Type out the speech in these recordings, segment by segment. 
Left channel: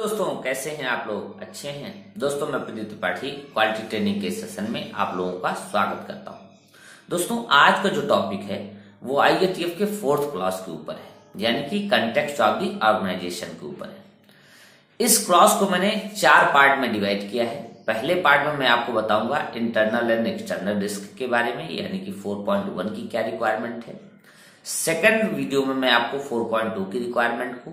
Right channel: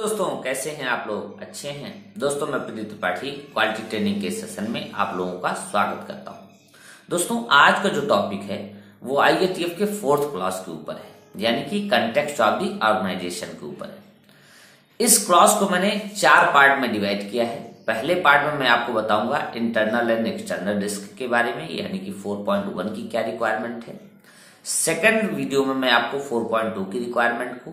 दोस्तों कैसे हैं आप लोग? अच्छे हैं दोस्तों। मैं प्रदीप त्रिपाठी क्वालिटी ट्रेनिंग के सेशन में आप लोगों का स्वागत करता हूं। दोस्तों आज का जो टॉपिक है वो IATF के 4th क्लास के ऊपर है, यानी कि कंटेक्स्ट ऑफ द ऑर्गेनाइजेशन के ऊपर है। इस क्लास को मैंने 4 पार्ट में डिवाइड किया है। पहले पार्ट में मैं आपको बताऊंगा इंटरनल एंड एक्सटर्नल रिस्क के बारे में, यानी कि 4.1 की क्या रिक्वायरमेंट है। सेकेंड वीडियो में मैं आपको 4.2 की रिक्वायरमेंट को,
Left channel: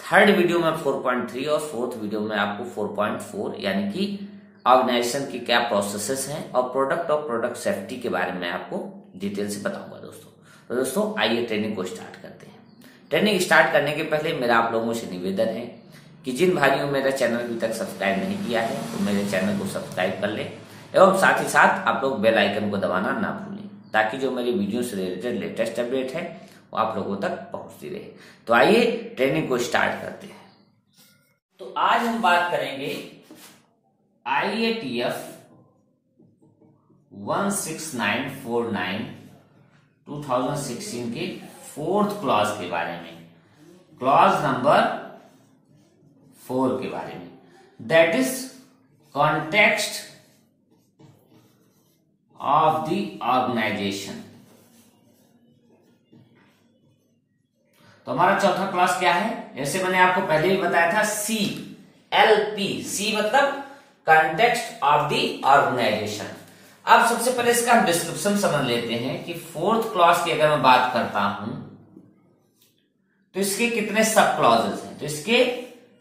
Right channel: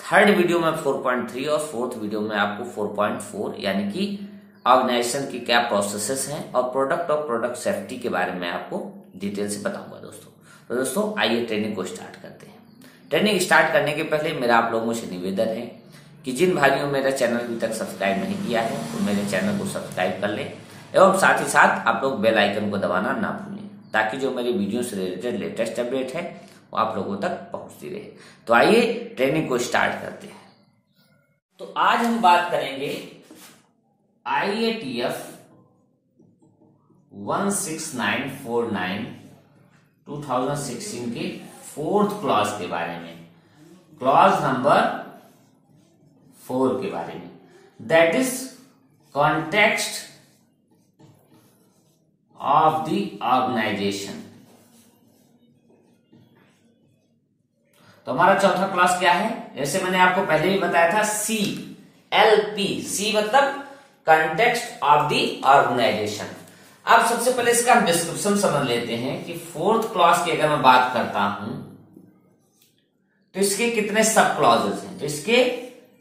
थर्ड वीडियो में 4.3 और फोर्थ वीडियो में आपको 4.4 यानी कि ऑर्गेनाइजेशन की क्या प्रोसेसेस हैं और प्रोडक्ट और प्रोडक्ट सेफ्टी के बारे में आपको डिटेल से बताऊंगा दोस्तों। तो दोस्तों आइए ट्रेनिंग को स्टार्ट करते हैं। ट्रेनिंग स्टार्ट करने के पहले मेरा आप लोगों से निवेदन है कि जिन भाइयों ने मेरा चैनल अभी तक सब्सक्राइब नहीं किया है वो मेरे चैनल को सब्सक्राइब कर ले एवं साथ ही साथ आप लोग बेल आइकन को दबाना ना भूलें, ताकि जो मेरी वीडियो से रिलेटेड लेटेस्ट अपडेट है वो आप लोगों तक पहुंचती रहे। तो आइए ट्रेनिंग को स्टार्ट करते हैं। तो आज हम बात करेंगे IATF 16949 2016 के 4th क्लॉज के बारे में, क्लॉज नंबर 4 के बारे में, that is context of the organisation. तो हमारा चौथा क्लास क्या है? जैसे मैंने आपको पहले भी बताया था, CLP, C मतलब कंटेक्स्ट ऑफ द ऑर्गेनाइजेशन। अब सबसे पहले इसका हम डिस्क्रिप्शन समझ लेते हैं कि 4th क्लास की अगर मैं बात करता हूं तो इसके कितने सब क्लॉजेस हैं। तो इसके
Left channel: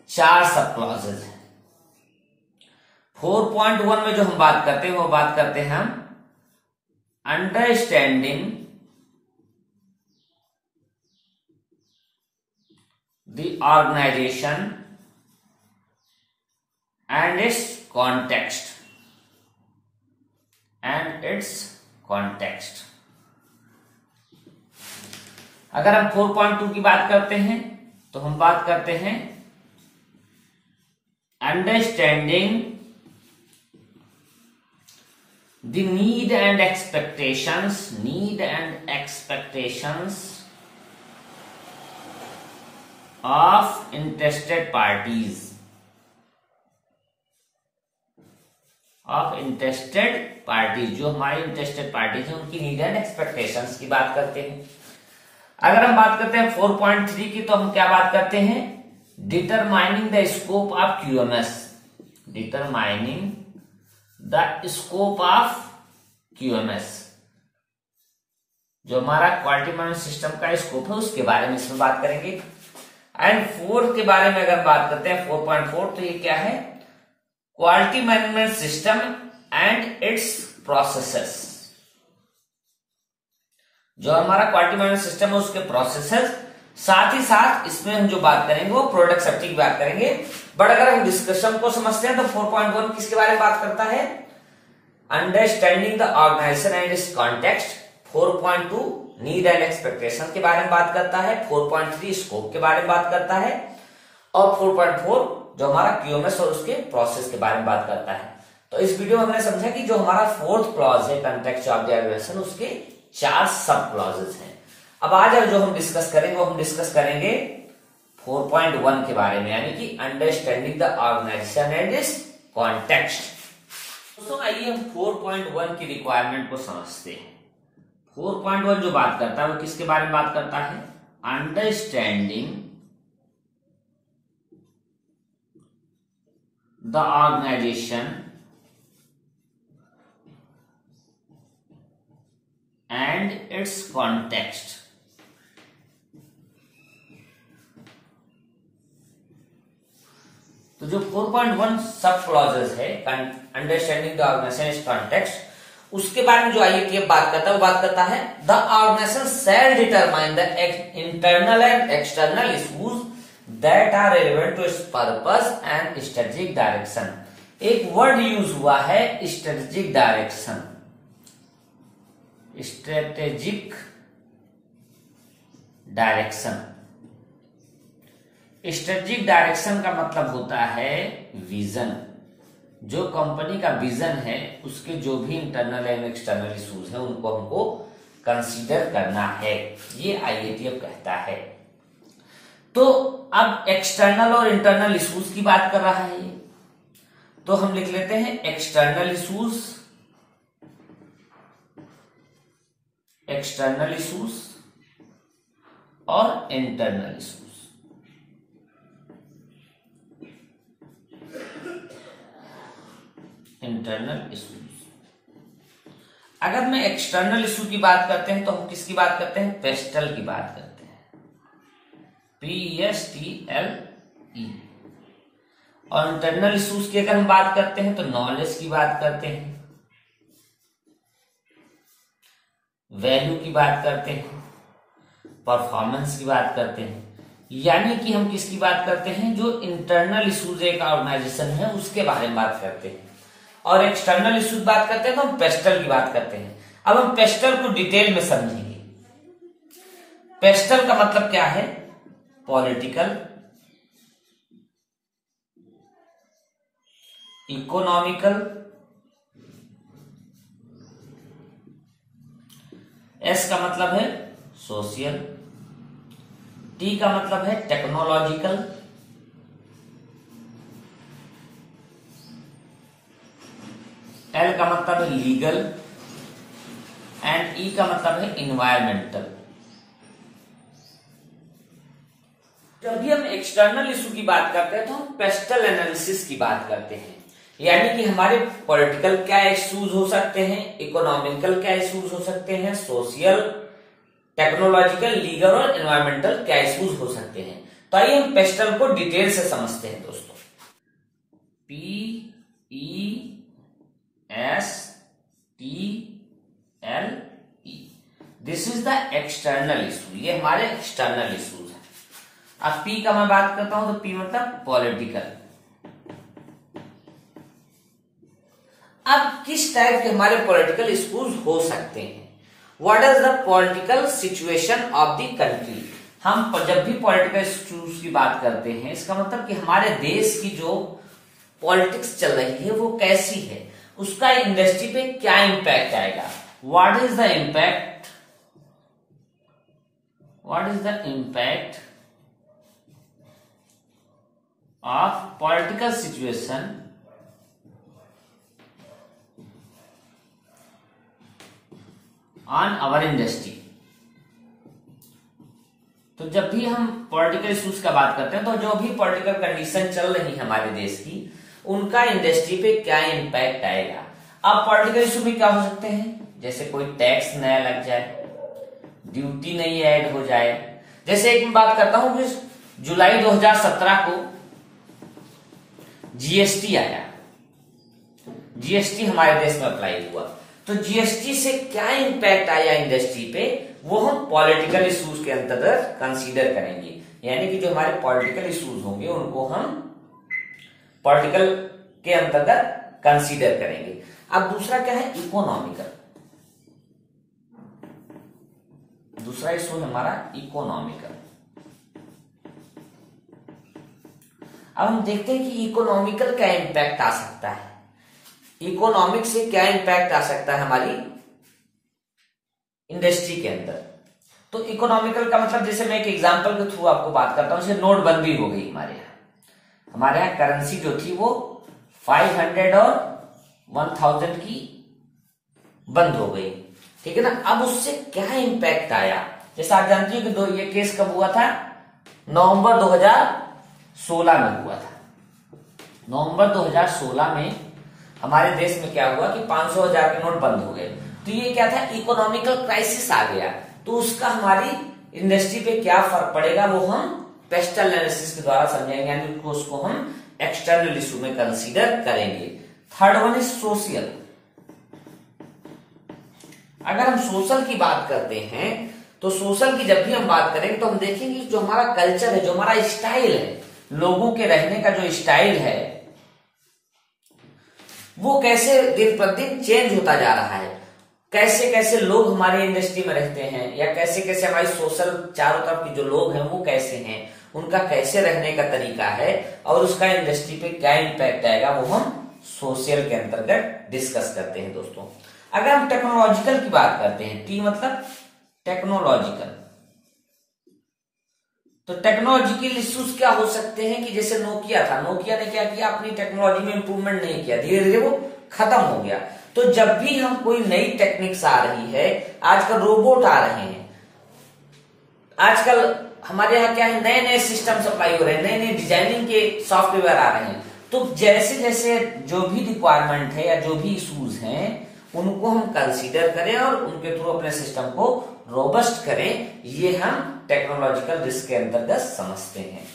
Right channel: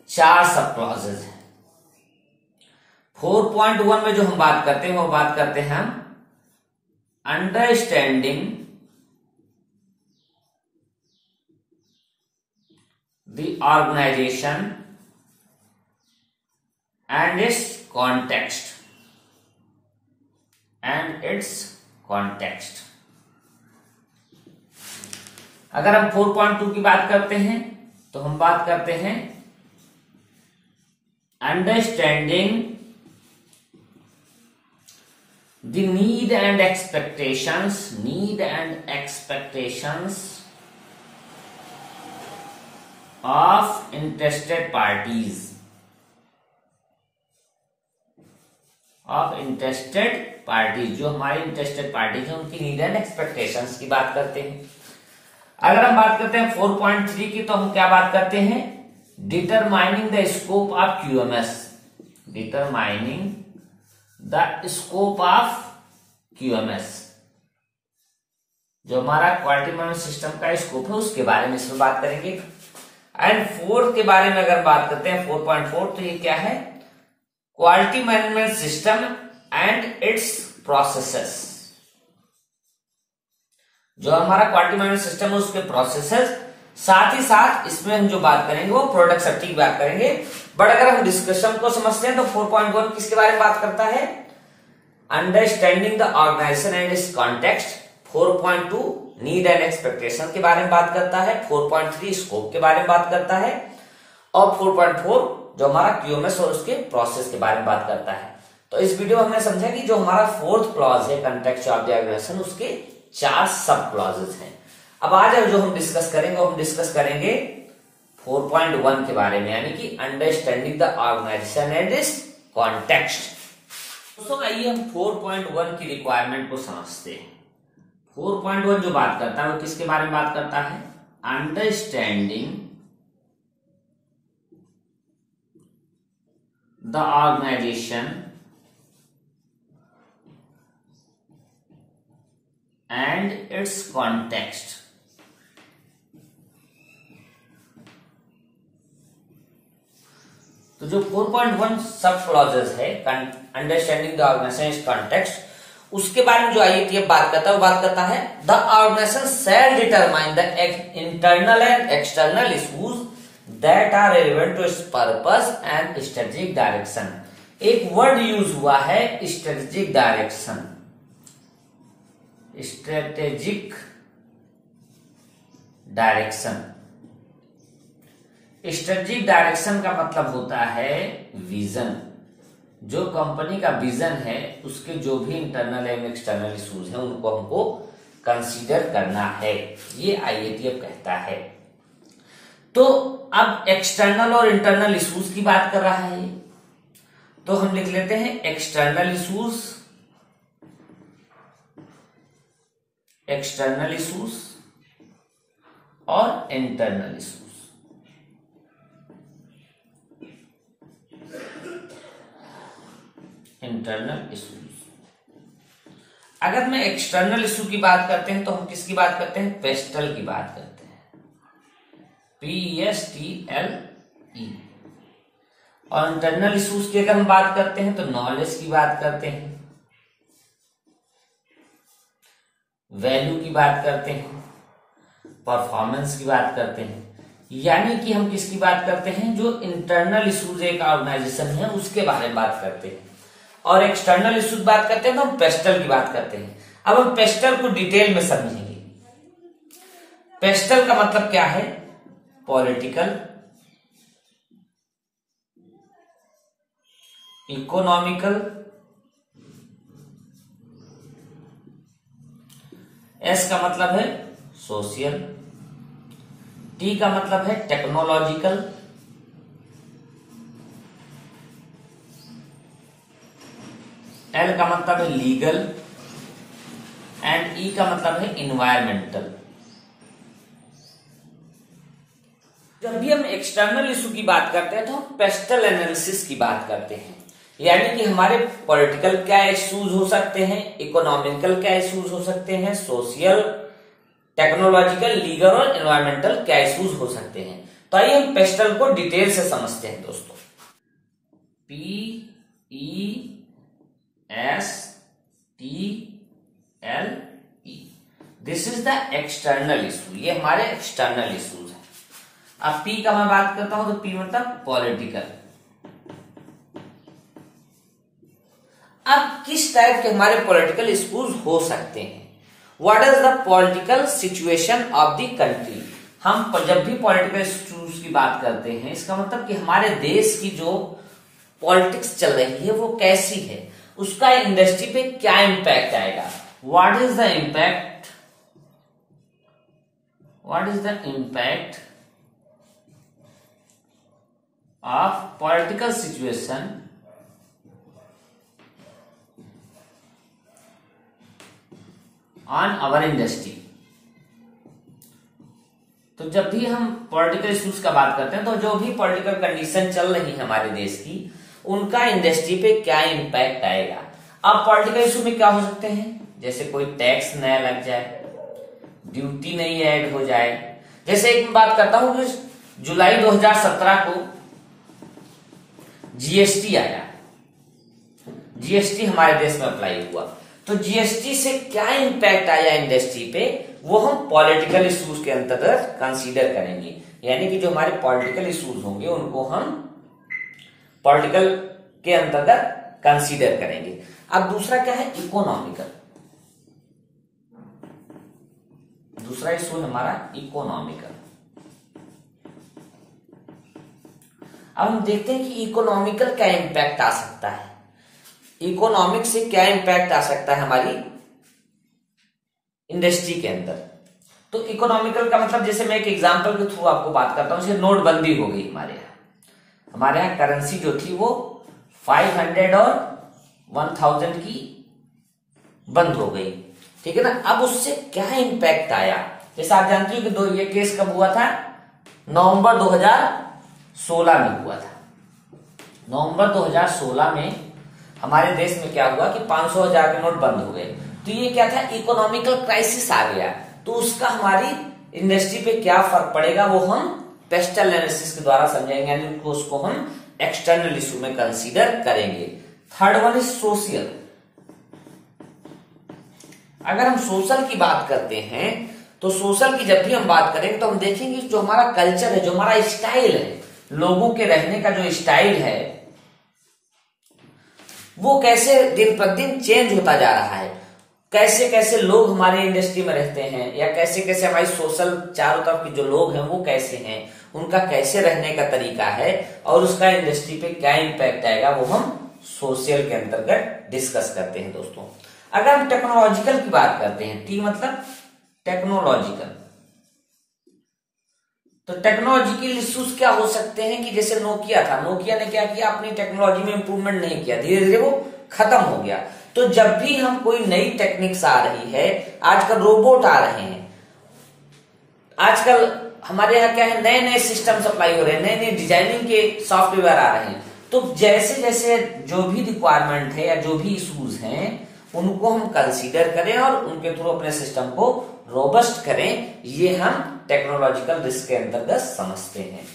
4 सब क्लॉजेस हैं। 4.1 में जो हम बात करते हैं वो बात करते हैं हम understanding the organization and its context अगर हम 4.2 की बात करते हैं तो हम बात करते हैं understanding the need and expectations of interested parties, जो हमारी इंटरेस्टेड पार्टीज है उनकी नीड एंड एक्सपेक्टेशंस की बात करते हैं। अगर हम बात करते हैं 4.3 की तो हम क्या बात करते हैं? Determining the scope of QMS, जो हमारा क्वालिटी मैनेजमेंट सिस्टम का स्कोप है उसके बारे में इसमें बात करेंगे। एंड 4 के बारे में अगर बात करते हैं 4.4 तो ये क्या है? Quality management system and it's processes. जो हमारा क्वालिटी मैनेजमेंट सिस्टम है उसके प्रोसेसेस, साथ ही साथ इसमें हम जो बात करेंगे वो प्रोडक्ट सेफ्टी की बात करेंगे। बट अगर हम डिस्कशन को समझते हैं तो 4.1 किसके बारे में बात करता है? Understanding the organisation and its context. 4.2 need and expectation के बारे में बात करता है। 4.3 स्कोप के बारे में बात करता है और 4.4 जो हमारा QMS और उसके प्रोसेस के बारे में बात करता है। तो इस वीडियो में हमने समझा कि जो हमारा 4th क्लॉज है कंटेक्स्ट ऑफ द ऑर्गेनाइजेशन, उसके 4 सब क्लॉजेस हैं। अब आज जो हम डिस्कस करेंगे वो हम डिस्कस करेंगे 4.1 के बारे में, यानी कि understanding the organisation and its context. दोस्तों आइए हम 4.1 की रिक्वायरमेंट को समझते हैं। 4.1 जो बात करता है वो किसके बारे में बात करता है? Understanding the organisation and its context. तो जो 4.1 सब क्लॉजेस है अंडरस्टैंडिंग द ऑर्गेनाइजेशन कॉन्टेक्स्ट, उसके बारे में जो IATF बात करता है वो बात करता है the organisation shall determine the internal and external issues that are relevant to its purpose and strategic direction. एक वर्ड यूज हुआ है स्ट्रेटेजिक डायरेक्शन। स्ट्रेटेजिक डायरेक्शन का मतलब होता है विजन। जो कंपनी का विजन है उसके जो भी इंटरनल एंड एक्सटर्नल इश्यूज हैं उनको हमको कंसीडर करना है, ये IATF कहता है। तो अब एक्सटर्नल और इंटरनल इश्यूज की बात कर रहा है ये, तो हम लिख लेते हैं एक्सटर्नल इश्यूज, एक्सटर्नल इश्यूज और इंटरनल इश्यूज। इंटरनल इश्यूज, अगर मैं एक्सटर्नल इश्यू की बात करते हैं तो हम किसकी बात करते हैं? पेस्टल की बात करते हैं, PESTLE। और इंटरनल इश्यूज की अगर हम बात करते हैं तो नॉलेज की बात करते हैं, वैल्यू की बात करते हैं, परफॉर्मेंस की बात करते हैं। यानी कि हम किसकी बात करते हैं? जो इंटरनल इश्यूज एक ऑर्गेनाइजेशन है उसके बारे में बात करते हैं। और एक्सटर्नल इश्यूज बात करते हैं तो हम पेस्टल की बात करते हैं। अब हम पेस्टल को डिटेल में समझेंगे। पेस्टल का मतलब क्या है? पॉलिटिकल, इकोनॉमिकल, एस का मतलब है सोशल, टी का मतलब है टेक्नोलॉजिकल, एल का मतलब है लीगल एंड ई का मतलब है इन्वायरमेंटल। जब भी हम एक्सटर्नल इशू की बात करते हैं तो हम पेस्टल एनालिसिस की बात करते हैं। यानी कि हमारे पॉलिटिकल क्या इश्यूज हो सकते हैं, इकोनॉमिकल क्या इश्यूज हो सकते हैं, सोशल, टेक्नोलॉजिकल, लीगल और एनवायरमेंटल क्या इश्यूज हो सकते हैं। तो आइए हम पेस्टल को डिटेल से समझते हैं दोस्तों। PESTLE, this is the external issue, ये हमारे एक्सटर्नल इश्यूज है। अब पी का मैं बात करता हूं तो पी मतलब पॉलिटिकल। अब किस टाइप के हमारे पॉलिटिकल इश्यूज हो सकते हैं? What is the political situation of the country. हम जब भी पॉलिटिकल इश्यूज की बात करते हैं इसका मतलब कि हमारे देश की जो पॉलिटिक्स चल रही है वो कैसी है, उसका इंडस्ट्री पे क्या इंपैक्ट आएगा। What is the impact, what is the impact of political situation on our industry. तो जब भी हम पॉलिटिकल इश्यूज का बात करते हैं तो जो भी पॉलिटिकल कंडीशन चल रही है हमारे देश की उनका इंडस्ट्री पे क्या इंपैक्ट आएगा। अब पॉलिटिकल इशू में क्या हो सकते हैं? जैसे कोई टैक्स नया लग जाए, ड्यूटी नई ऐड हो जाए। जैसे एक बात करता हूं कि जुलाई 2017 को जीएसटी आया, जीएसटी हमारे देश में अप्लाई हुआ, तो जीएसटी से क्या इंपैक्ट आया इंडस्ट्री पे वो हम पॉलिटिकल इश्यूज के अंतर्गत कंसीडर करेंगे। यानी कि जो हमारे पॉलिटिकल इश्यूज होंगे उनको हम पॉलिटिकल के अंतर्गत कंसीडर करेंगे। अब दूसरा क्या है? इकोनॉमिकल। दूसरा इशू हमारा इकोनॉमिकल। अब हम देखते हैं कि इकोनॉमिकल क्या इंपैक्ट आ सकता है, इकोनॉमिक से क्या इंपैक्ट आ सकता है हमारी इंडस्ट्री के अंदर। तो इकोनॉमिकल का मतलब जैसे मैं एक एग्जांपल के थ्रू आपको बात करता हूं, जैसे नोटबंदी हो गई हमारे यहाँ करेंसी जो थी वो 500 और 1000 की बंद हो गई, ठीक है ना। अब उससे क्या इंपैक्ट आया? जैसे आप जानते हो कि ये केस कब हुआ था? नवंबर 2016 में हुआ था। नवंबर 2016 में हमारे देश में क्या हुआ कि 500,000 के नोट बंद हो गए। तो ये क्या था? इकोनॉमिकल क्राइसिस आ गया। तो उसका हमारी इंडस्ट्री पे क्या फर्क पड़ेगा वो हम पेस्टल एनालिसिस के द्वारा समझेंगे, यानी उसको हम एक्सटर्नल इशू में कंसीडर करेंगे। Third one is social. अगर हम सोशल की बात करते हैं तो सोशल की जब भी हम बात करेंगे तो हम देखेंगे जो हमारा कल्चर है, जो हमारा स्टाइल है, लोगों के रहने का जो स्टाइल है वो कैसे दिन प्रतिदिन चेंज होता जा रहा है। कैसे कैसे लोग हमारी इंडस्ट्री में रहते हैं या कैसे कैसे हमारी सोशल चारों तरफ के जो लोग हैं वो कैसे हैं, उनका कैसे रहने का तरीका है और उसका इंडस्ट्री पे क्या इंपैक्ट आएगा वो हम सोशल के अंतर्गत डिस्कस करते हैं दोस्तों। अगर हम टेक्नोलॉजिकल की बात करते हैं, टी मतलब टेक्नोलॉजिकल, तो टेक्नोलॉजिकल इश्यूज क्या हो सकते हैं कि जैसे नोकिया था, नोकिया ने क्या किया, अपनी टेक्नोलॉजी में इंप्रूवमेंट नहीं किया, धीरे धीरे वो खत्म हो गया। तो जब भी हम कोई नई टेक्निक्स आ रही है, आजकल रोबोट आ रहे हैं, आजकल हमारे यहाँ क्या है, नए नए सिस्टम सप्लाई हो रहे हैं, नए नए डिजाइनिंग के सॉफ्टवेयर आ रहे हैं। तो जैसे जैसे जो भी रिक्वायरमेंट है या जो भी इश्यूज हैं उनको हम कंसीडर करें और उनके थ्रू अपने सिस्टम को रोबस्ट करें, ये हम टेक्नोलॉजिकल रिस्क के अंतर्गत समझते हैं।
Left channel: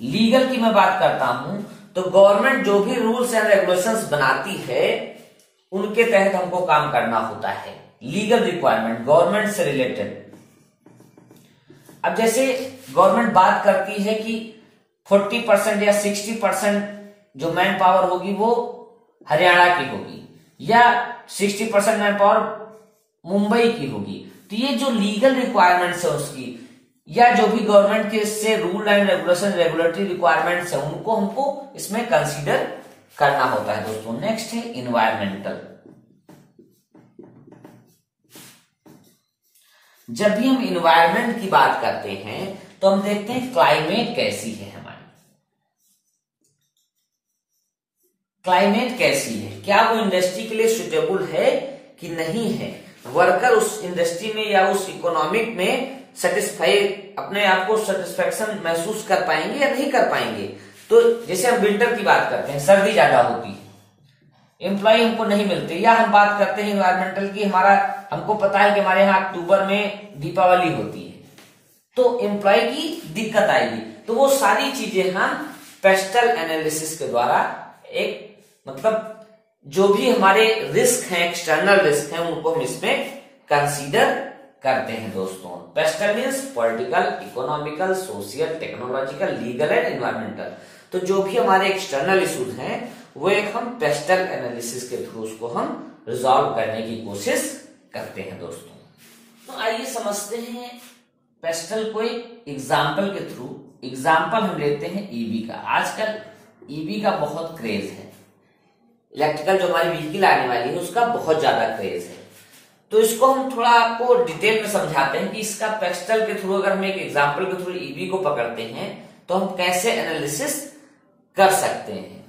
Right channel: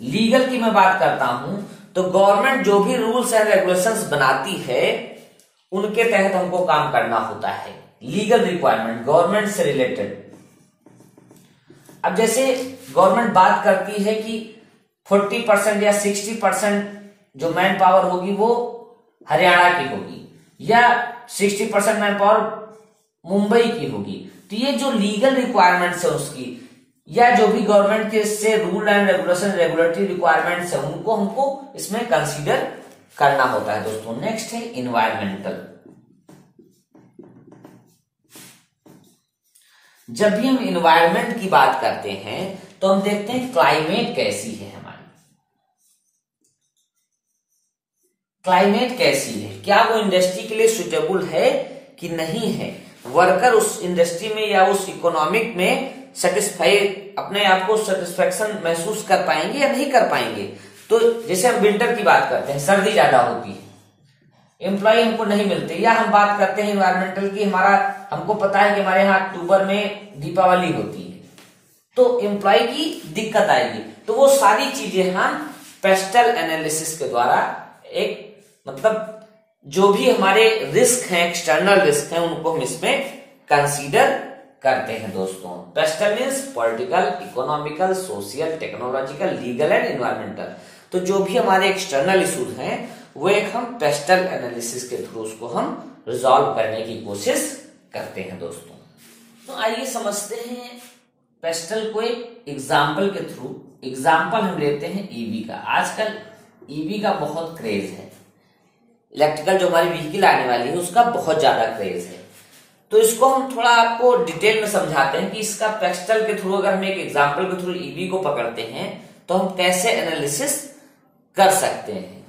लीगल की मैं बात करता हूं तो गवर्नमेंट जो भी रूल्स एंड रेगुलेशंस बनाती है उनके तहत हमको काम करना होता है। लीगल रिक्वायरमेंट गवर्नमेंट से रिलेटेड, अब जैसे गवर्नमेंट बात करती है कि 40% या 60% जो मैन पावर होगी वो हरियाणा की होगी या 60% मैन पावर मुंबई की होगी, तो ये जो लीगल रिक्वायरमेंट्स है उसकी या जो भी गवर्नमेंट के से rule and regulation regulatory requirements है उनको हमको इसमें कंसीडर करना होता है दोस्तों। नेक्स्ट है इन्वायरमेंटल। जब भी हम इन्वायरमेंट की बात करते हैं तो हम देखते हैं क्लाइमेट कैसी है, हमारी क्लाइमेट कैसी है, क्या वो इंडस्ट्री के लिए सुटेबल है कि नहीं है, वर्कर उस इंडस्ट्री में या उस इकोनॉमिक में सेटिस्फाई अपने आप को सेटिस्फेक्शन महसूस कर पाएंगे या नहीं कर पाएंगे। तो जैसे हम विंटर की बात करते हैं, सर्दी ज्यादा होती है, एम्प्लॉय हमको नहीं मिलते, या हम बात करते हैं इन्वायरमेंटल की, हमको पता है कि हमारे यहाँ अक्टूबर में दीपावली होती है तो एम्प्लॉय की दिक्कत आएगी। तो वो सारी चीजें हम पेस्टल एनालिसिस के द्वारा एक मतलब जो भी हमारे रिस्क हैं, एक्सटर्नल रिस्क हैं, उनको हम इसमें कंसीडर करते हैं दोस्तों। Pastel means political, economical, social, technological, legal and environmental. तो जो भी हमारे एक्सटर्नल इश्यूज हैं वो एक हम पेस्टल एनालिसिस के थ्रू उसको हम रिजॉल्व करने की कोशिश करते हैं दोस्तों। तो आइए समझते हैं पेस्टल को एक एग्जाम्पल के थ्रू। एग्जाम्पल हम लेते हैं ईवी का। आजकल ईवी का बहुत क्रेज है, इलेक्ट्रिकल जो हमारी व्हीकल आने वाली है उसका बहुत ज्यादा क्रेज है। तो इसको हम थोड़ा आपको डिटेल में समझाते हैं कि इसका पेस्टल के थ्रू अगर हम एक एग्जाम्पल के थ्रू ईवी को पकड़ते हैं तो हम कैसे एनालिसिस कर सकते हैं।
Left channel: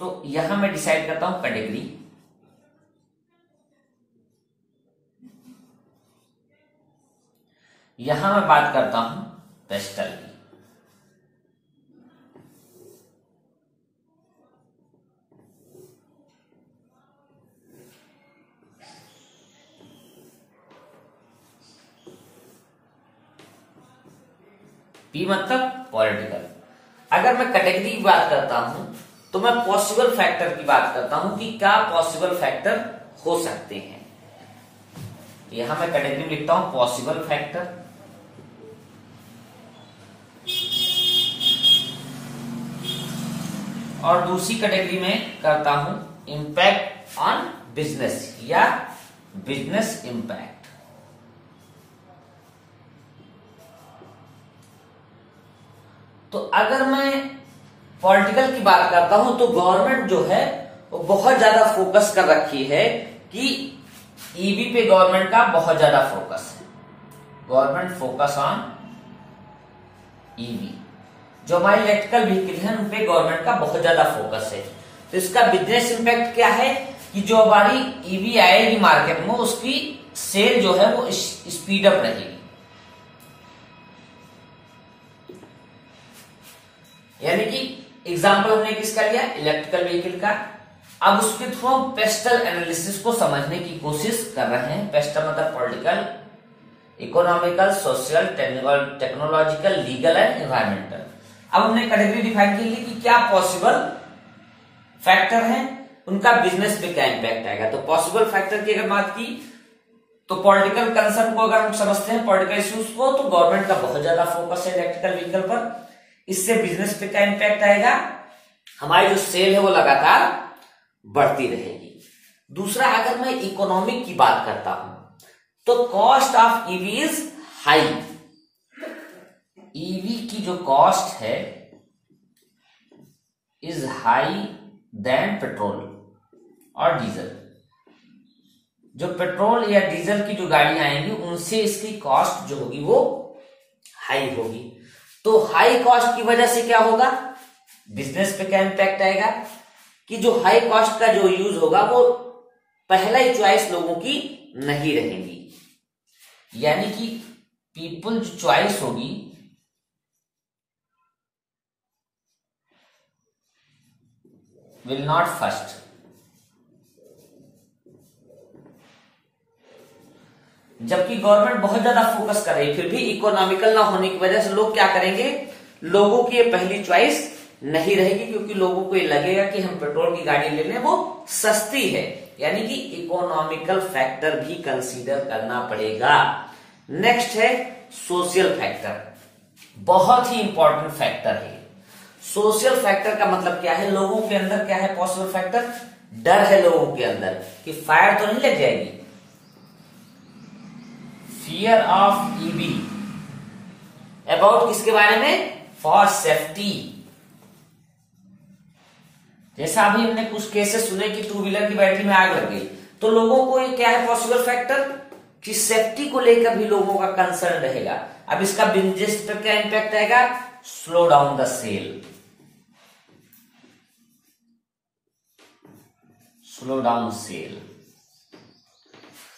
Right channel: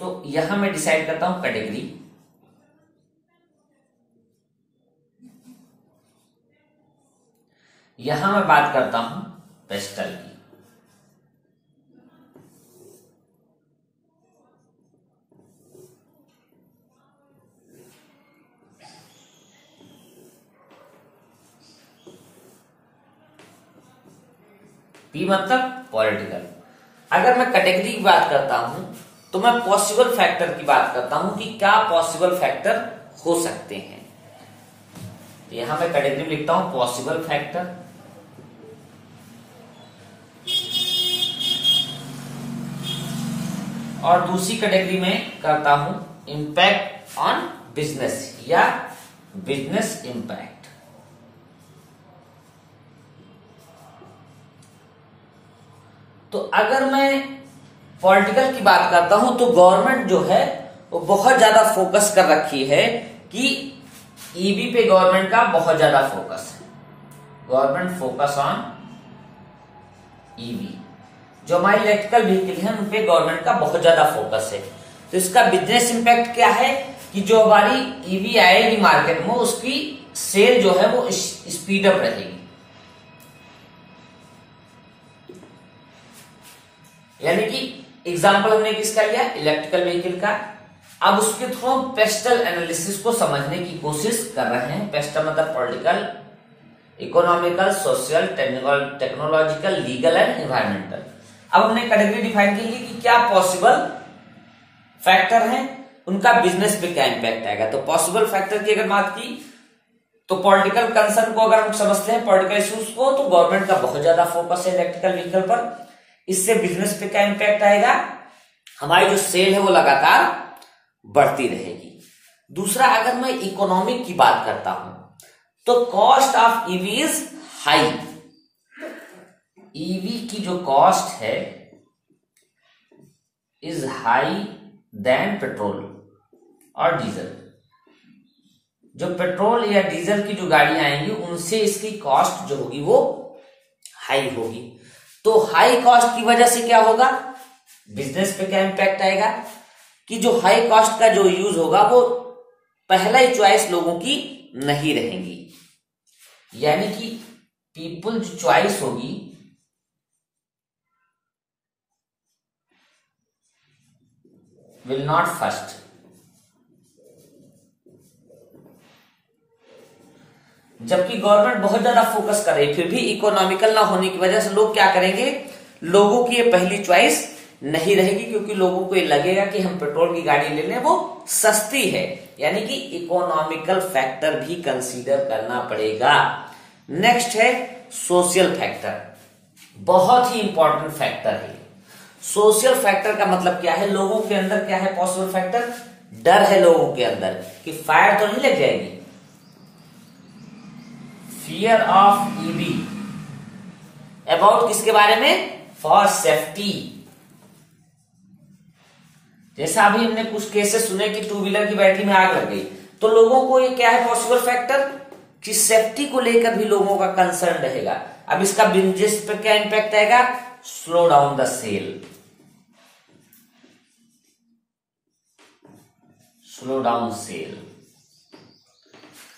तो यहां मैं डिसाइड करता हूं कैटेगरी, यहां मैं बात करता हूं पेस्टल की। पी मतलब पॉलिटिकल। अगर मैं कैटेगरी की बात करता हूं तो मैं पॉसिबल फैक्टर की बात करता हूं कि क्या पॉसिबल फैक्टर हो सकते हैं। यहां मैं कैटेगरी लिखता हूं पॉसिबल फैक्टर, और दूसरी कैटेगरी में करता हूं इंपैक्ट ऑन बिजनेस या बिजनेस इंपैक्ट। तो अगर मैं पॉलिटिकल की बात करता हूं तो गवर्नमेंट जो है वो बहुत ज्यादा फोकस कर रखी है कि ईवी पे गवर्नमेंट का बहुत ज्यादा फोकस है। गवर्नमेंट फोकस ऑन ईवी, जो हमारी इलेक्ट्रिकल व्हीकल है उन पे गवर्नमेंट का बहुत ज्यादा फोकस है। तो इसका बिजनेस इंपैक्ट क्या है कि जो हमारी ईवी आएगी मार्केट में उसकी सेल जो है वो स्पीड अप रहेगी। यानी कि एग्जाम्पल हमने किसका लिया, इलेक्ट्रिकल व्हीकल का। अब उसके थ्रू हम पेस्टल एनालिसिस को समझने की कोशिश कर रहे हैं। पेस्टल मतलब political, economical, social, technological, legal and environmental. अब हमने कैटेगरी डिफाइन की कि क्या पॉसिबल फैक्टर है, उनका बिजनेस पे क्या इंपैक्ट आएगा। तो पॉसिबल फैक्टर की अगर बात की तो पॉलिटिकल कंसर्न को अगर हम समझते हैं, पॉलिटिकल इश्यूज को, तो गवर्नमेंट का बहुत ज्यादा फोकस है इलेक्ट्रिकल व्हीकल पर। इससे बिजनेस पे क्या इंपैक्ट आएगा, हमारी जो सेल है वो लगातार बढ़ती रहेगी। दूसरा, अगर मैं इकोनॉमिक की बात करता हूं तो cost of EV is high. EV की जो कॉस्ट है इज हाई देन पेट्रोल और डीजल। जो पेट्रोल या डीजल की जो गाड़ियां आएंगी उनसे इसकी कॉस्ट जो होगी वो हाई होगी। तो हाई कॉस्ट की वजह से क्या होगा, बिजनेस पे क्या इंपैक्ट आएगा कि जो हाई कॉस्ट का जो यूज होगा वो पहला ही चॉइस लोगों की नहीं रहेंगी, यानी कि पीपल जो चॉइस होगी विल नॉट फर्स्ट। जबकि गवर्नमेंट बहुत ज्यादा फोकस कर रही है, फिर भी इकोनॉमिकल ना होने की वजह से लोग क्या करेंगे, लोगों की ये पहली चॉइस नहीं रहेगी, क्योंकि लोगों को ये लगेगा कि हम पेट्रोल की गाड़ी ले लें, वो सस्ती है। यानी कि इकोनॉमिकल फैक्टर भी कंसीडर करना पड़ेगा। नेक्स्ट है सोशल फैक्टर, बहुत ही इंपॉर्टेंट फैक्टर है। सोशल फैक्टर का मतलब क्या है, लोगों के अंदर क्या है, पॉसिबल फैक्टर डर है लोगों के अंदर कि फायर तो नहीं लग जाएगी, फियर ऑफ ईवी, अबाउट किसके बारे में, फॉर सेफ्टी। जैसा अभी हमने कुछ केसेस सुने कि टू व्हीलर की बैटरी में आग लग गई, तो लोगों को ये क्या है पॉसिबल फैक्टर कि सेफ्टी को लेकर भी लोगों का कंसर्न रहेगा। अब इसका बिजनेस पे क्या इंपैक्ट आएगा, slow down the sale, slow down sale.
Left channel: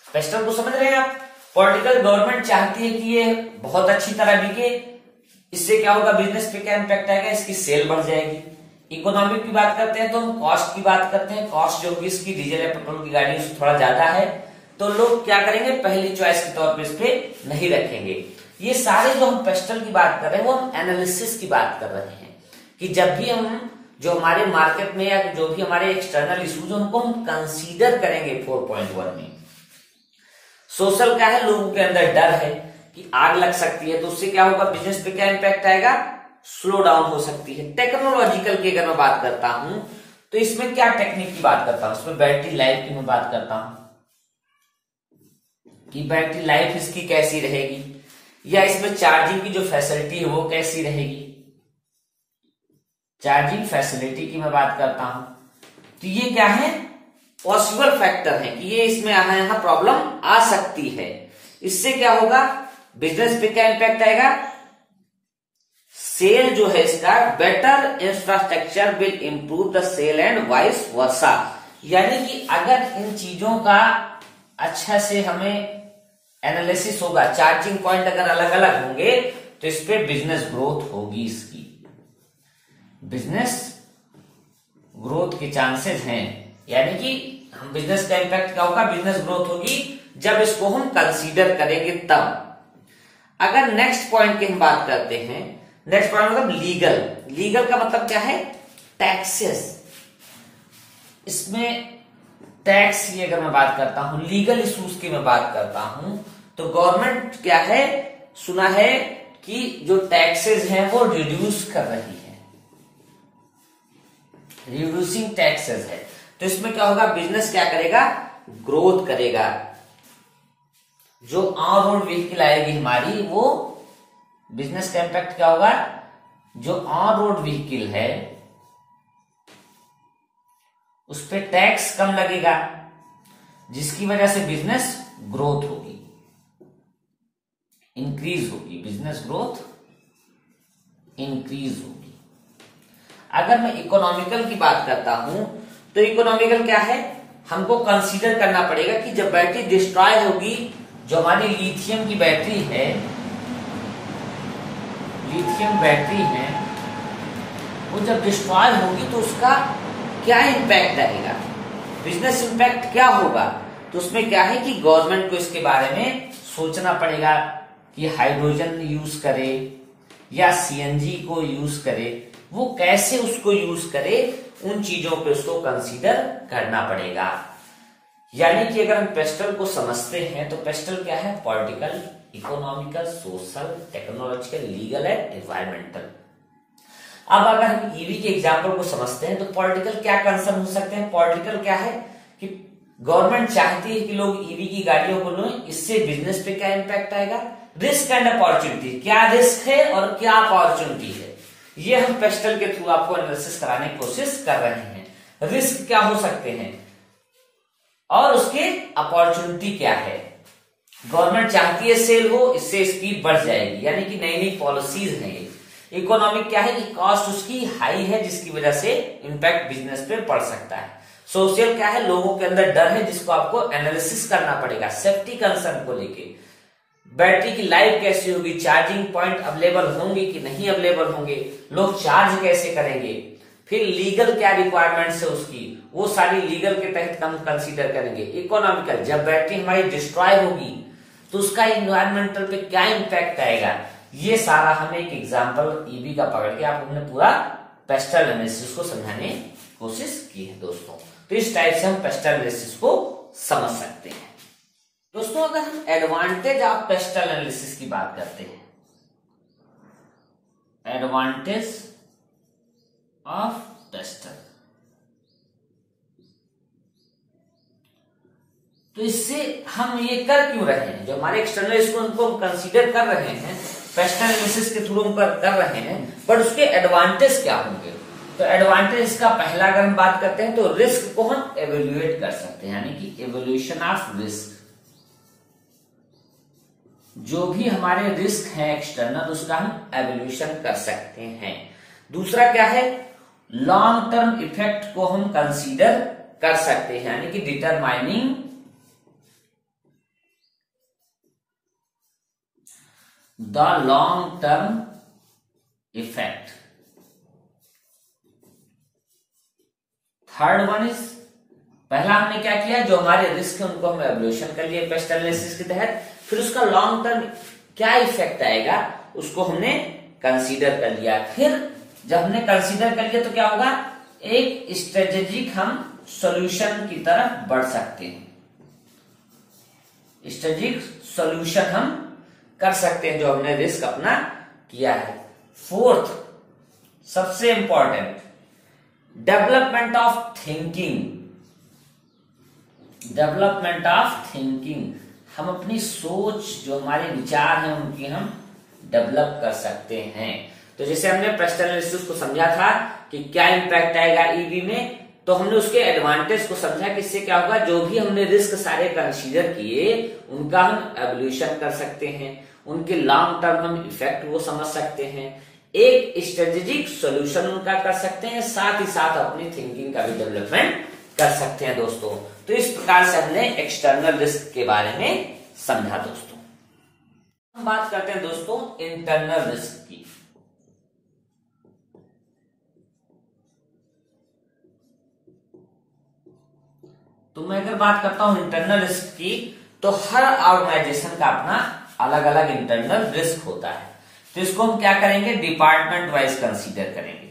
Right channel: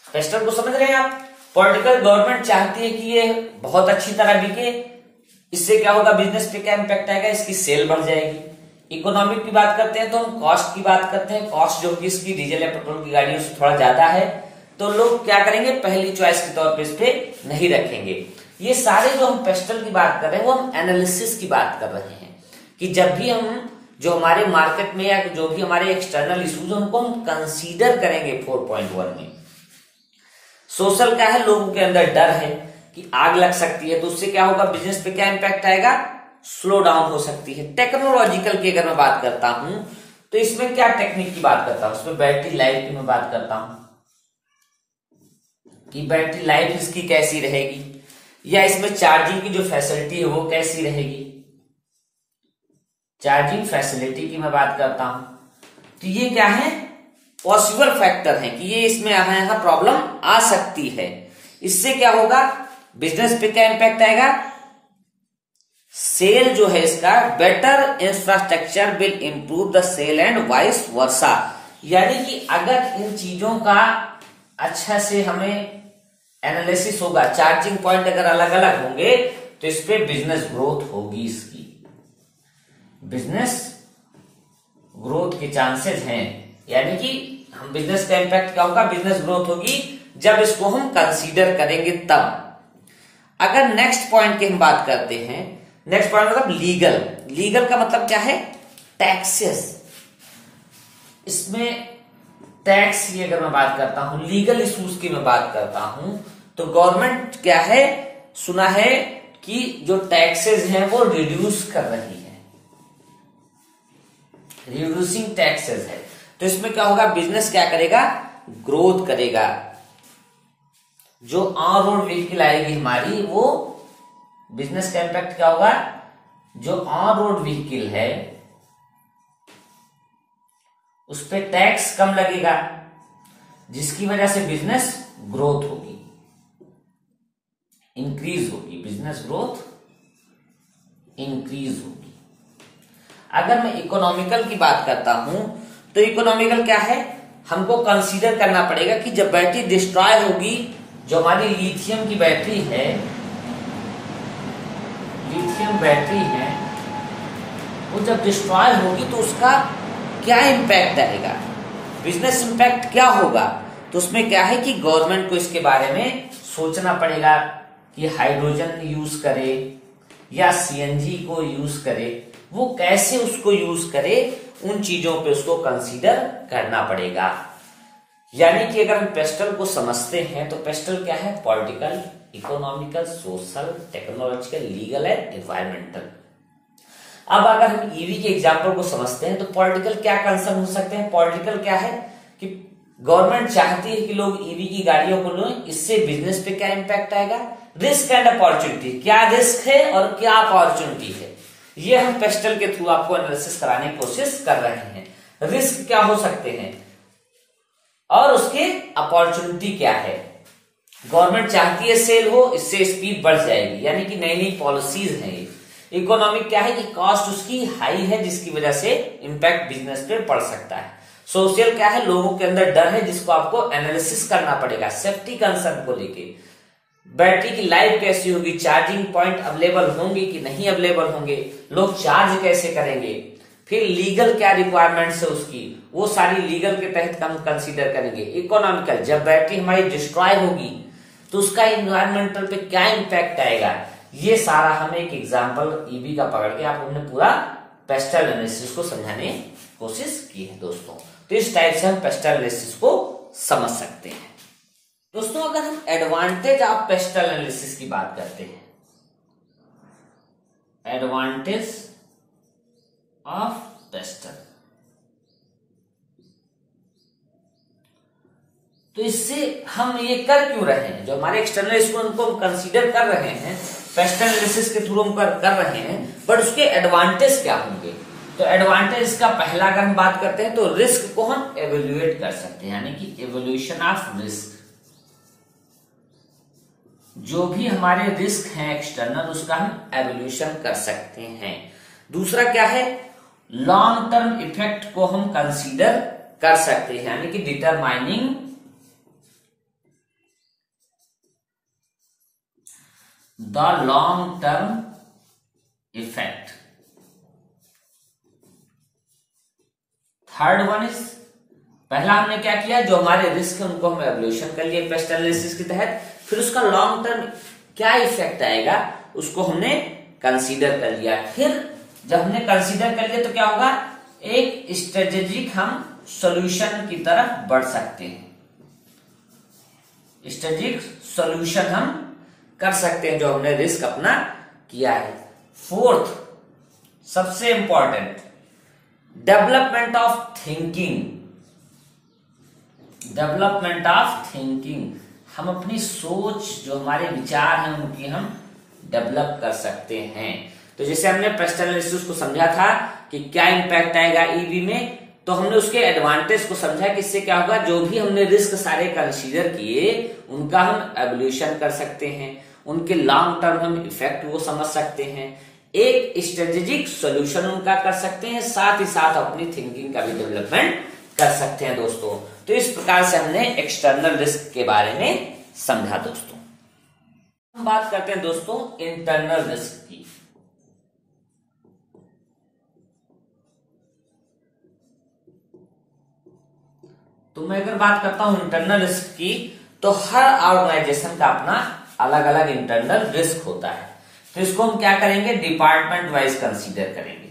Question को समझ रहे हैं आप। पॉलिटिकल गवर्नमेंट चाहती है कि ये बहुत अच्छी तरह बिके, इससे क्या होगा, बिजनेस पे क्या इंपैक्ट आएगा, इसकी सेल बढ़ जाएगी। इकोनॉमिक की बात करते हैं तो हम कॉस्ट की बात करते हैं, कॉस्ट जो कि इसकी डीजल या पेट्रोल की गाड़ी उससे थोड़ा ज्यादा है, तो लोग क्या करेंगे, पहली चॉइस के तौर पे इस पे नहीं रखेंगे। ये सारे जो हम पेस्टल की बात कर रहे हैं वो हम एनालिसिस की बात कर रहे हैं कि जब भी हम जो हमारे मार्केट में या जो भी हमारे एक्सटर्नल इश्यूज उनको हम कंसीडर करेंगे 4.1 में। सोशल क्या है, लोगों के अंदर डर है कि आग लग सकती है, तो उससे क्या होगा, बिजनेस पे क्या इंपैक्ट आएगा, स्लो डाउन हो सकती है। टेक्नोलॉजिकल की अगर मैं बात करता हूं तो इसमें क्या टेक्निक की बात करता हूं, उसमें बैटरी लाइफ की मैं बात करता हूं कि बैटरी लाइफ इसकी कैसी रहेगी, या इसमें चार्जिंग की जो फैसिलिटी है वो कैसी रहेगी, चार्जिंग फैसिलिटी की मैं बात करता हूं। तो ये क्या है, पॉसिबल फैक्टर है कि ये इसमें यहां प्रॉब्लम आ सकती है। इससे क्या होगा, बिजनेस पे क्या इंपैक्ट आएगा, सेल जो है इसका, better infrastructure will improve the cell and vice versa. यानी कि अगर इन चीजों का अच्छा से हमें एनालिसिस होगा, चार्जिंग पॉइंट अगर अलग अलग होंगे तो इस पे बिजनेस ग्रोथ होगी, इसकी बिजनेस ग्रोथ के चांसेस हैं। यानी कि हम बिजनेस का इंपैक्ट क्या होगा, बिजनेस ग्रोथ होगी जब इसको हम कंसीडर करेंगे तब। अगर नेक्स्ट पॉइंट की हम बात करते हैं, नेक्स्ट पॉइंट मतलब लीगल। लीगल का मतलब क्या है, टैक्सेस। इसमें टैक्स की अगर मैं बात करता हूं, लीगल इश्यूज की मैं बात करता हूं, तो गवर्नमेंट क्या है, सुना है कि जो टैक्सेस हैं वो रिड्यूस कर रही है, रिड्यूसिंग टैक्सेस है। तो इसमें क्या होगा, बिजनेस क्या करेगा, ग्रोथ करेगा। जो ऑन रोड व्हीकल आएगी हमारी, वो बिजनेस का इंपैक्ट क्या होगा, जो ऑन रोड व्हीकल है उस पर टैक्स कम लगेगा, जिसकी वजह से बिजनेस ग्रोथ होगी, इंक्रीज होगी, बिजनेस ग्रोथ इंक्रीज होगी। अगर मैं इकोनॉमिकल की बात करता हूं तो इकोनॉमिकल क्या है, हमको कंसीडर करना पड़ेगा कि जब बैटरी डिस्ट्रॉय होगी, जो हमारी लिथियम की बैटरी है, लिथियम बैटरी है, वो जब डिस्ट्रॉय होगी तो उसका क्या इंपैक्ट आएगा, बिजनेस इंपैक्ट क्या होगा। तो उसमें क्या है कि गवर्नमेंट को इसके बारे में सोचना पड़ेगा कि हाइड्रोजन यूज करे या सीएनजी को यूज करे, वो कैसे उसको यूज करे, उन चीजों पे उसको कंसीडर करना पड़ेगा। यानी कि अगर हम पेस्टल को समझते हैं तो पेस्टल क्या है, political, economical, social, technological, legal and environmental. अब अगर हम ईवी के एग्जाम्पल को समझते हैं तो पॉलिटिकल क्या कंसर्न हो सकते हैं। पॉलिटिकल क्या है कि गवर्नमेंट चाहती है कि लोग ईवी की गाड़ियों को लें, इससे बिजनेस पे क्या इंपैक्ट आएगा, रिस्क एंड अपॉर्चुनिटी, क्या रिस्क है और क्या अपॉर्चुनिटी है, ये हम पेस्टल के थ्रू आपको एनालिसिस कराने की कोशिश कर रहे हैं। रिस्क क्या हो सकते हैं, और उसके अपॉर्चुनिटी क्या है। गवर्नमेंट चाहती है सेल हो, इससे स्पीड बढ़ जाएगी, यानी कि नई नई पॉलिसीज है ये। इकोनॉमिक क्या है कि कॉस्ट उसकी हाई है, जिसकी वजह से इम्पैक्ट बिजनेस पे पड़ सकता है। सोशल क्या है, लोगों के अंदर डर है जिसको आपको एनालिसिस करना पड़ेगा सेफ्टी कंसर्न को लेके। बैटरी की लाइफ कैसी होगी, चार्जिंग पॉइंट अवेलेबल होंगे कि नहीं अवेलेबल होंगे, लोग चार्ज कैसे करेंगे। फिर लीगल क्या रिक्वायरमेंट्स है उसकी, वो सारी लीगल के तहत हम कंसीडर करेंगे। इकोनॉमिकल, जब बैटरी हमारी डिस्ट्रॉय होगी तो उसका इन्वायरमेंटल पे क्या इम्पैक्ट आएगा, ये सारा हमें एक एग्जाम्पल ईबी का पकड़ के आप हमने पूरा पेस्टल एनालिसिस को समझाने की कोशिश की है दोस्तों। तो इस टाइप से हम पेस्टल एनालिसिस को समझ सकते हैं दोस्तों। अगर हम एडवांटेज ऑफ पेस्टल एनालिसिस की बात करते हैं, एडवांटेज ऑफ पेस्टल, तो इससे हम ये कर क्यों रहे हैं, जो हमारे एक्सटर्नल स्टूडेंट को हम कंसीडर कर रहे हैं पेस्टल एनालिसिस के थ्रू हम कर रहे हैं, बट उसके एडवांटेज क्या होंगे। तो एडवांटेज का पहला अगर हम बात करते हैं तो रिस्क को हम एवेल्युएट कर सकते हैं, यानी कि एवेल्यूशन ऑफ रिस्क। जो भी हमारे रिस्क हैं एक्सटर्नल, उसका हम एवेल्यूशन कर सकते हैं। दूसरा क्या है, लॉन्ग टर्म इफेक्ट को हम कंसीडर कर सकते हैं, यानी कि determining the long term effect. Third one is, पहला हमने क्या किया, जो हमारे रिस्क है उनको हम एवल्यूशन कर लिए पेस्टल एनालिसिस के तहत, फिर उसका लॉन्ग टर्म क्या इफेक्ट आएगा उसको हमने कंसीडर कर लिया। फिर जब हमने कंसीडर कर लिया तो क्या होगा, एक स्ट्रेटेजिक हम सॉल्यूशन की तरफ बढ़ सकते हैं, स्ट्रेटेजिक सॉल्यूशन हम कर सकते हैं जो हमने रिस्क अपना किया है। फोर्थ सबसे important, development of thinking. Development of thinking, हम अपनी सोच, जो हमारे विचार हैं उनकी हम डेवलप कर सकते हैं। तो जैसे हमने पेस्टल एनालिसिस को समझा था कि क्या इंपैक्ट आएगा ईबी में, तो हमने उसके एडवांटेज को समझा कि इससे क्या होगा, जो भी हमने रिस्क सारे कंसीडर किए उनका हम एवल्यूशन कर सकते हैं, उनके लॉन्ग टर्म हम इफेक्ट वो समझ सकते हैं, एक स्ट्रेटेजिक सॉल्यूशन उनका कर सकते हैं, साथ ही साथ अपनी थिंकिंग का भी डेवलपमेंट कर सकते हैं दोस्तों। तो इस प्रकार से हमने एक्सटर्नल रिस्क के बारे में समझा दोस्तों। हम बात करते हैं दोस्तों इंटरनल रिस्क की। तो मैं अगर बात करता हूं इंटरनल रिस्क की, तो हर ऑर्गेनाइजेशन का अपना अलग अलग इंटरनल रिस्क होता है। तो इसको हम क्या करेंगे, डिपार्टमेंट वाइज कंसीडर करेंगे।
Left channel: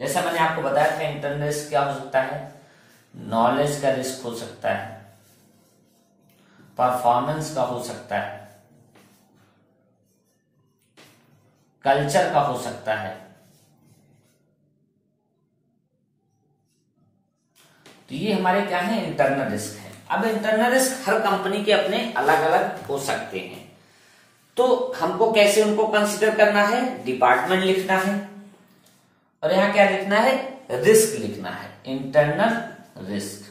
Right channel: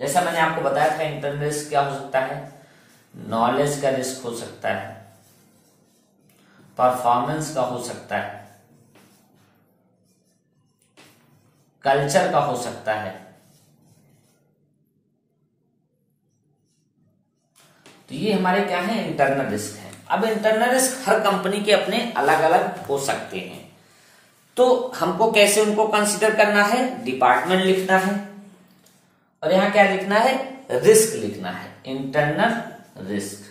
जैसा मैंने आपको बताया था इंटरनल रिस्क क्या हो सकता है, नॉलेज का रिस्क हो सकता है, परफॉर्मेंस का हो सकता है, कल्चर का हो सकता है। तो ये हमारे क्या है, इंटरनल रिस्क है। अब इंटरनल रिस्क हर कंपनी के अपने अलग अलग हो सकते हैं, तो हमको कैसे उनको कंसीडर करना है, डिपार्टमेंट लिखना है और यहां क्या लिखना है, रिस्क लिखना है, इंटरनल रिस्क।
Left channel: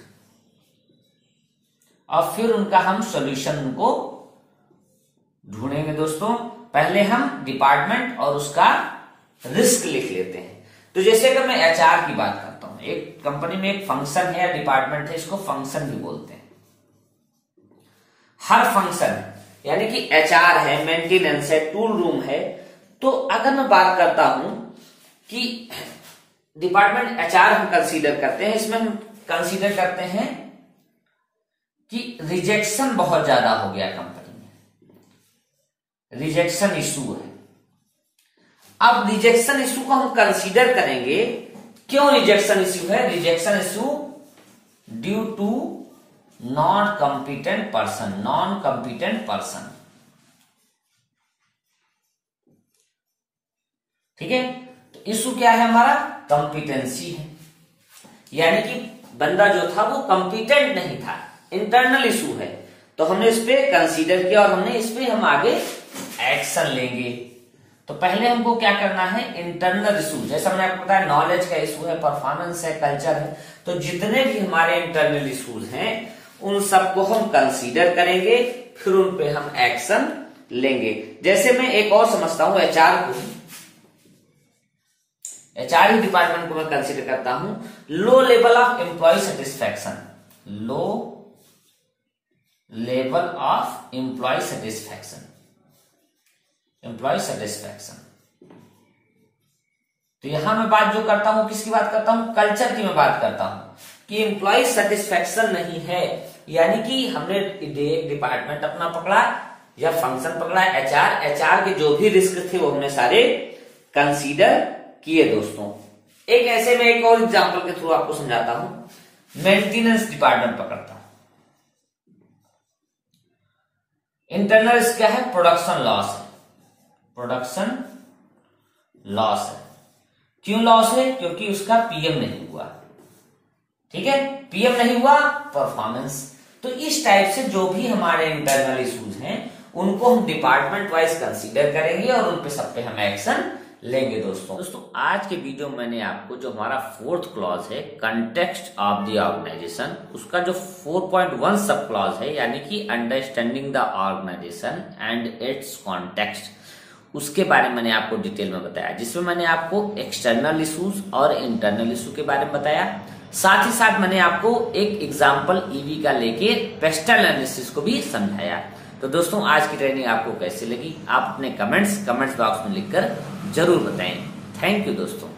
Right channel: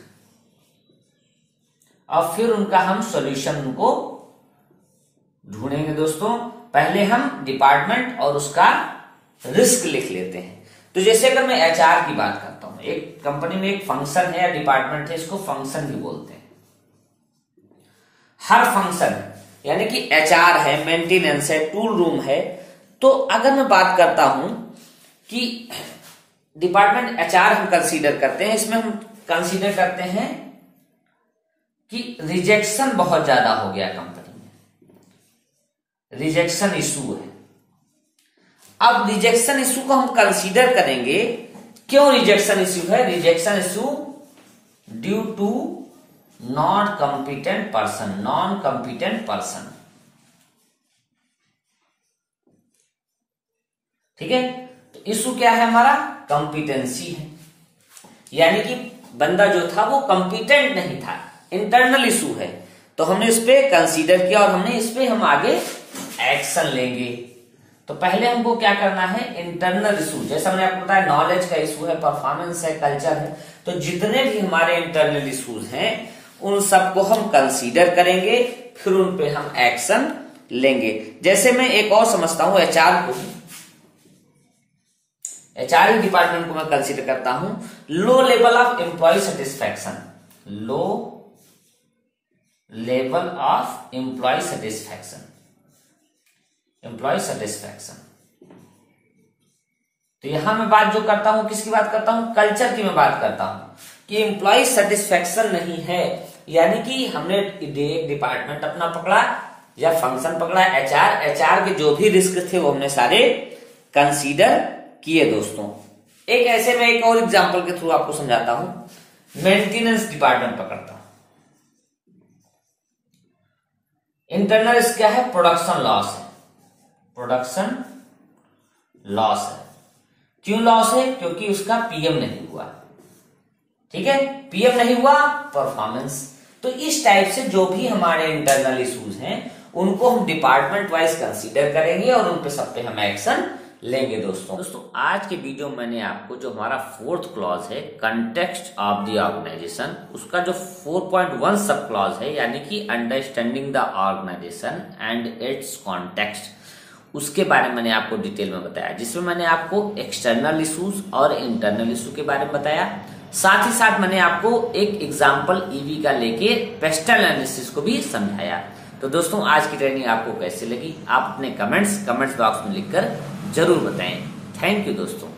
और फिर उनका हम सॉल्यूशन उनको ढूंढेंगे दोस्तों। पहले हम डिपार्टमेंट और उसका रिस्क लिख लेते हैं। तो जैसे अगर मैं एचआर की बात करता हूं, एक कंपनी में एक फंक्शन है या डिपार्टमेंट है, इसको फंक्शन भी बोलते हैं। हर फंक्शन यानी कि एचआर है, मेंटेनेंस है, टूल रूम है। तो अगर मैं बात करता हूं कि डिपार्टमेंट एचआर हम कंसीडर करते हैं, इसमें हम कंसीडर करते हैं कि रिजेक्शन बहुत ज्यादा हो गया कंपनी में, रिजेक्शन इशू है। अब रिजेक्शन इशू को हम कंसीडर करेंगे, क्यों रिजेक्शन इशू है, rejection issue due to non competent person, non competent person. ठीक है, तो इशू क्या है हमारा, कॉम्पिटेंसी है, यानी कि बंदा जो था वो कॉम्पिटेंट नहीं था, इंटरनल इशू है। तो हमने इस पे कंसीडर किया और हमने इस पे हम आगे एक्शन लेंगे। तो पहले हमको क्या करना है, इंटरनल इशू, जैसा मैंने आपको बताया नॉलेज का इशू है, परफॉर्मेंस है, कल्चर है, तो जितने भी हमारे इंटरनल इशूज हैं उन सबको हम कंसीडर करेंगे, फिर उन पे हम एक्शन लेंगे। जैसे मैं एक और समझता हूं, एचआर डिपार्टमेंट को मैं कंसीडर करता हूं, low level of employ satisfaction, low level of employ satisfaction, employ satisfaction. तो यहां मैं बात जो करता हूं, किसकी बात करता हूं, कल्चर की मैं बात करता हूं कि एम्प्लॉय सेटिस्फैक्शन नहीं है, यानी कि हमने एक डिपार्टमेंट अपना पकड़ा या फंक्शन पकड़ा, एचआर के जो भी रिस्क थे वो हमने सारे कंसीडर किए। दोस्तों एक ऐसे में एक और एग्जांपल के थ्रू आपको समझाता हूं, मेंटेनेंस डिपार्टमेंट पकड़ता हूं। इंटरनल क्या है, प्रोडक्शन लॉस है, प्रोडक्शन लॉस है। क्यों लॉस है, क्योंकि उसका पीएम नहीं हुआ, ठीक है, पीएम नहीं हुआ, परफॉर्मेंस। तो इस टाइप से जो भी हमारे इंटरनल इश्यूज हैं उनको हम डिपार्टमेंट वाइज कंसीडर करेंगे और उन पे सब पे हम एक्शन लेंगे। दोस्तों आज के वीडियो में मैंने आपको जो हमारा फोर्थ क्लॉज है, कंटेक्स्ट ऑफ द ऑर्गेनाइजेशन, उसका जो 4.1 सब क्लॉज है, यानी कि understanding the organisation and its context, उसके बारे में मैंने आपको डिटेल में बताया, जिसमें मैंने आपको एक्सटर्नल इश्यूज और इंटरनल इशू के बारे में बताया। साथ ही साथ मैंने आपको एक एग्जाम्पल ईवी का लेके पेस्टल एनालिसिस को भी समझाया। तो दोस्तों आज की ट्रेनिंग आपको कैसी लगी, आप अपने कमेंट्स बॉक्स में लिखकर जरूर बताएं। थैंक यू दोस्तों।